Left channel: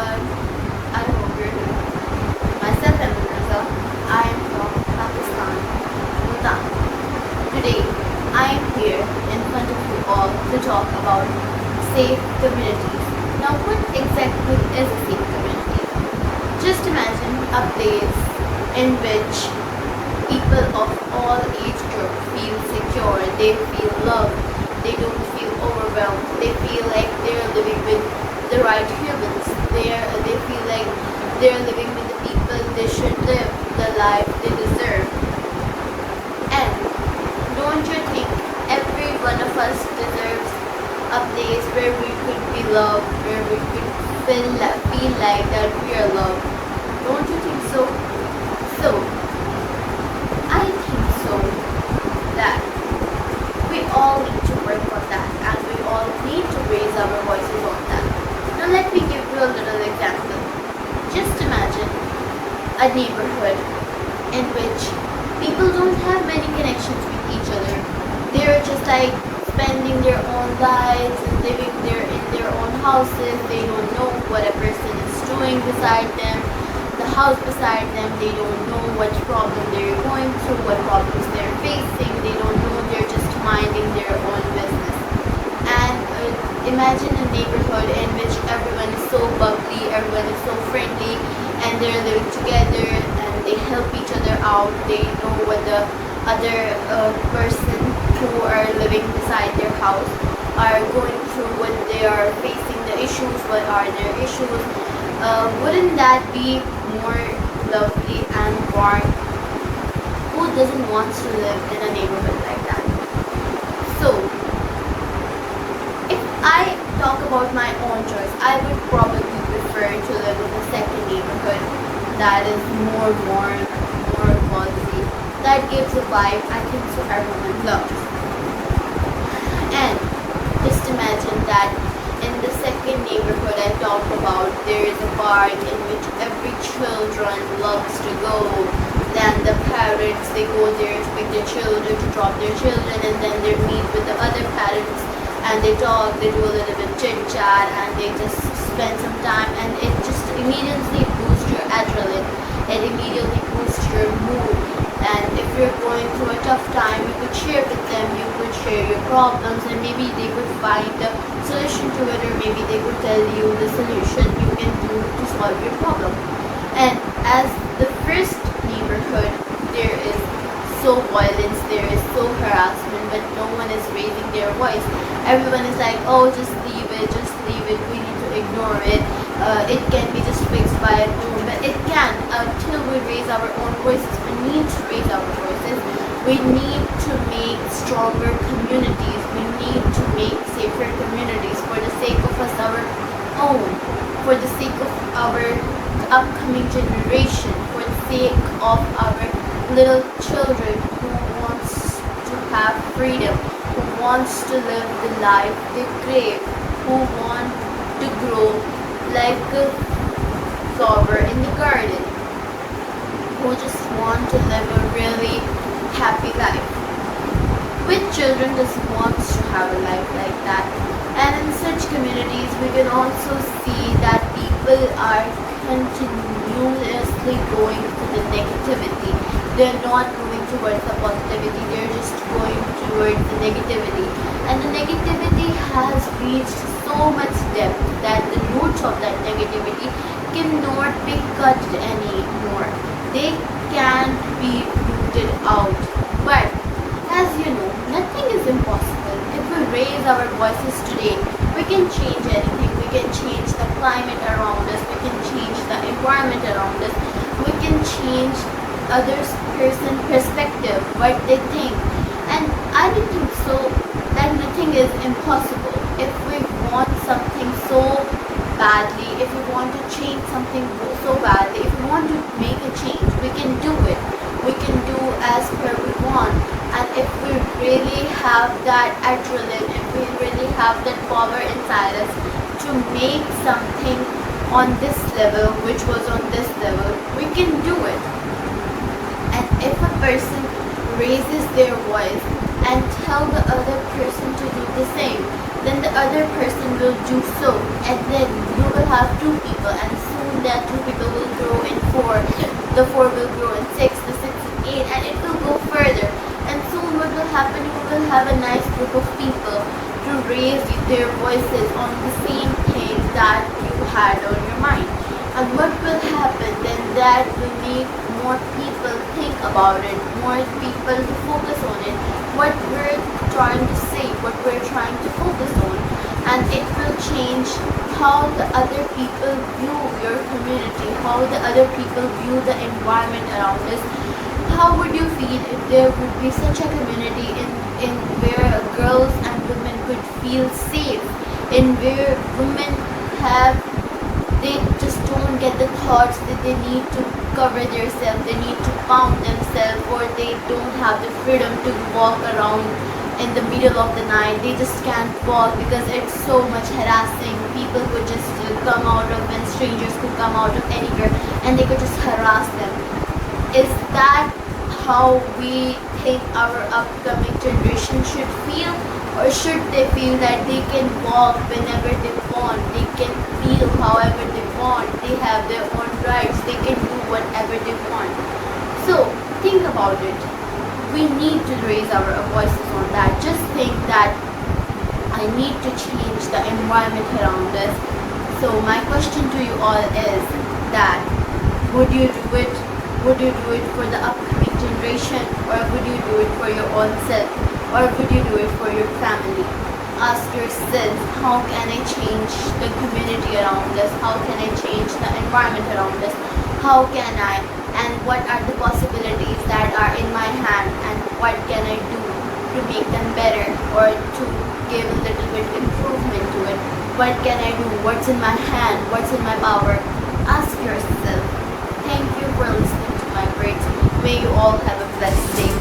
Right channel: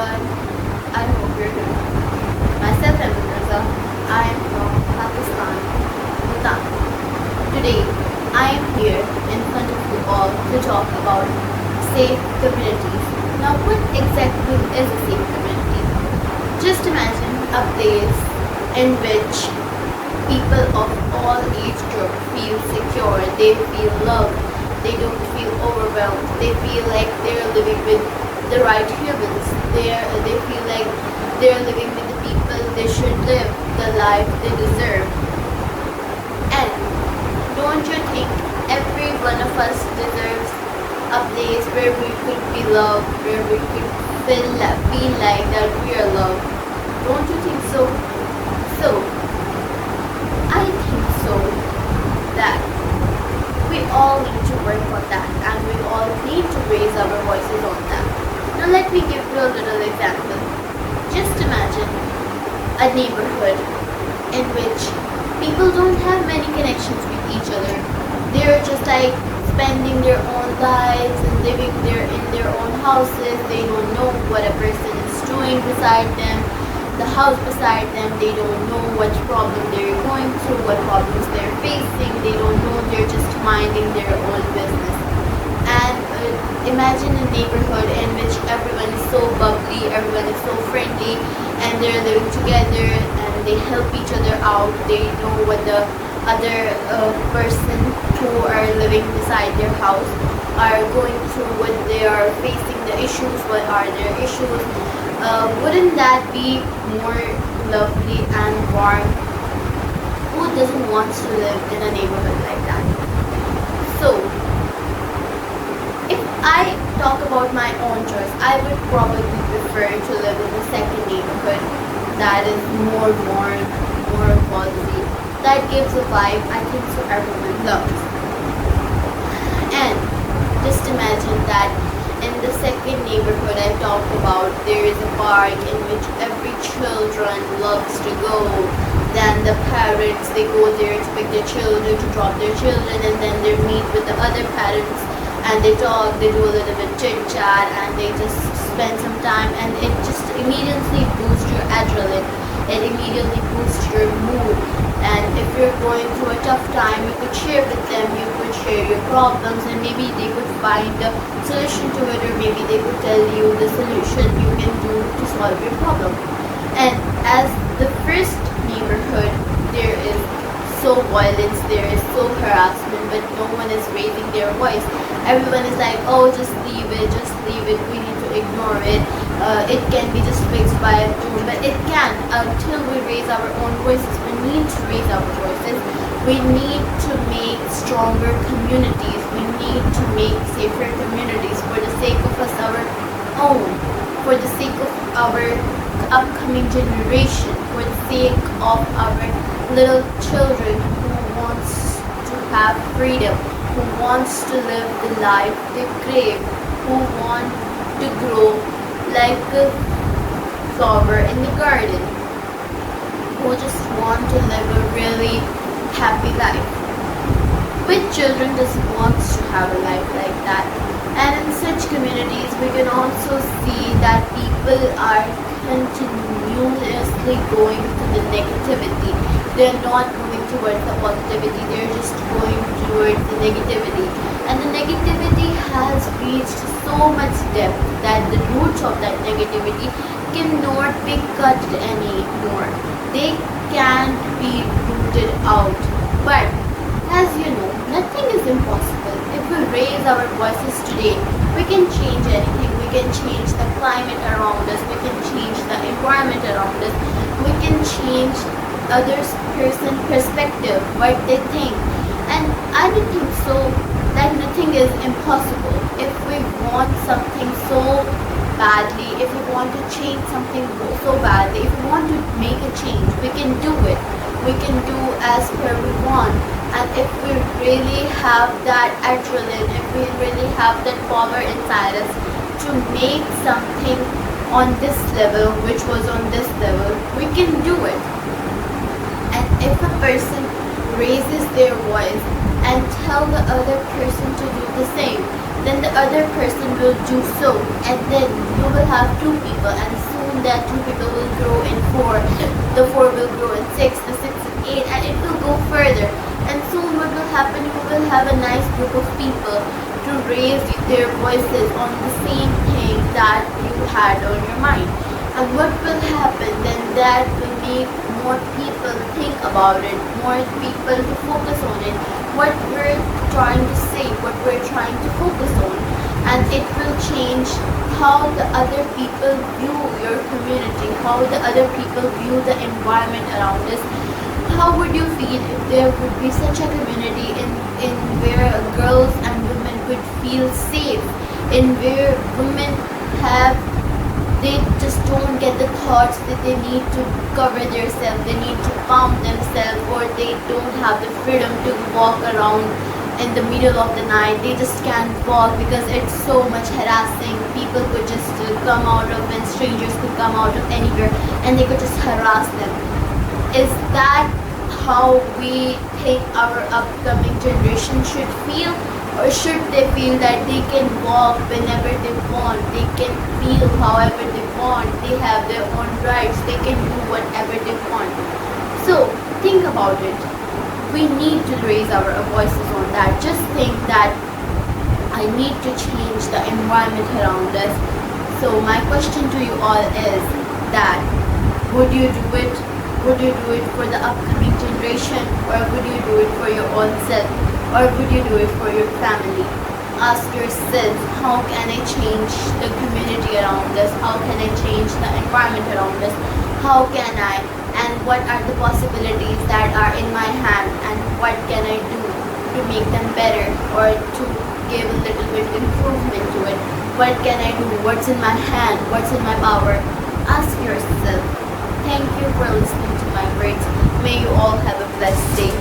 everyone. I hope you're doing well. Myself, Aiman Raza. I am from Pakistan, Bhutan. Today, I am here in front of you all to talk about safe communities. Now, what exactly is a safe community? Just imagine a place in which people of all age groups feel secure, they feel loved, they don't feel overwhelmed, they feel like they're living with the right humans, they feel like they're living with the people they should live, the life they deserve. And don't you think every one of us deserves a place where we could be loved, where we could feel like that we are loved? Don't you think so? So, I think so that we all need to work on that and we all need to raise our voices on that. Now let me give you a little example. Just imagine a neighborhood in which people don't have many connections with each other. They're just like spending their own lives and living in their own houses. They don't know what a person is doing beside them, the house beside them. They don't know what problem they're going through, what problems they're facing. They don't know, they're just minding their own business. And imagine a neighborhood in which everyone is so bubbly, everyone is so friendly, and they're living together and they help each other out. They know what the other person who are living beside their house are going through, what they are facing, the issues, what are their issues. Wouldn't that be more lovely and warm? Who doesn't want to live in a neighborhood like that? So, if I talk about my own choice, I would probably prefer to live in a second neighborhood that is more warm, more cozy, that gives a vibe I think so everyone loves. And just imagine that in the second neighborhood I talked about, there is a park in which every children loves to go. Then the parents, they go there to pick their children, to drop their children, and then they meet with the other parents and they talk, they do a little bit chit chat, and they just spend some time, and it just immediately boosts your adrenaline. It immediately boosts your mood. And if you're going through a tough time, you could share with them, you could share your problems, and maybe they would find a solution to it, or maybe they would tell you the solution you can do to solve your problem. And as the first neighborhood, there is so violence, there is so harassment, but no one is raising their voice. Everyone is like, oh, just leave it, we need to ignore it. It can be just fixed by a phone, but it can. Until we raise our own voices, we need to raise our voices. We need to make stronger communities. We need to make safer communities for the sake of us, our own, for the sake of our upcoming generation, for the sake of our little children who wants to have freedom, who wants to live the life they crave, who want to grow like a flower in the garden, who just want to live a really happy life. Which children just wants to have a life like that? And in such communities, we can also see that people are continuously going to the negativity. They're not going towards the positivity, they're just going towards the negativity. And the negativity has reached so much depth that the roots of that negativity cannot be cut anymore. They can be rooted out. But as you know, nothing is impossible. If we raise our voices today, we can change anything. We can change the climate around us. We can change the environment around us. We can change others' person's perspective, what they think. And I think so that nothing is impossible. If we want something so badly, if we want to change something so badly, if we want to make a change, we can do it. We can do as per we want. And if we really have that adrenaline, if we really have that power inside us to make something on this level, which was on this level, we can do it. And if a person raises their voice and tell the other person to do the same, then the other person will do so, and then you will have two people, and soon that two people will grow in four, the four will grow in six, the six in eight, and it will go further. And soon what will happen, you will have a nice group of people to raise their voices on the same thing that you had on your mind. And what will happen then, that will make more people think about it, more people to focus on it, what we're trying to say, what we're trying to focus on. And it will change how the other people view your community, how the other people view the environment around us. How would you feel if there would be such a community in where girls and women could feel safe, in where women they just don't get the thoughts that they need to cover themselves, they need to pump themselves, or they don't have the freedom to walk around in the middle of the night. They just can't walk because it's so much harassing. People could just come out of, and strangers could come out of anywhere and they could just harass them. Is that how we think our upcoming generation should feel? Or should they feel that they can walk whenever they want, they can feel however they want, they have their own rights, they can do whatever they want? So think about it. We need to raise our voices on that. Just think that I need to change the environment around us. So my question to you all is that, would you do it? Would you do it for the upcoming generation, or would you do it for your own self? Or would you do it for your family? Ask yourself, how can I change the community around us? How can I change the environment around us? How can I, and what are the possibilities that are in my hand, and what can I do to make them better, or to give a little bit improvement to it? What can I do? What's in my hand? What's in my power? Ask yourself. Thank you for listening to my words. May you all have a blessed day.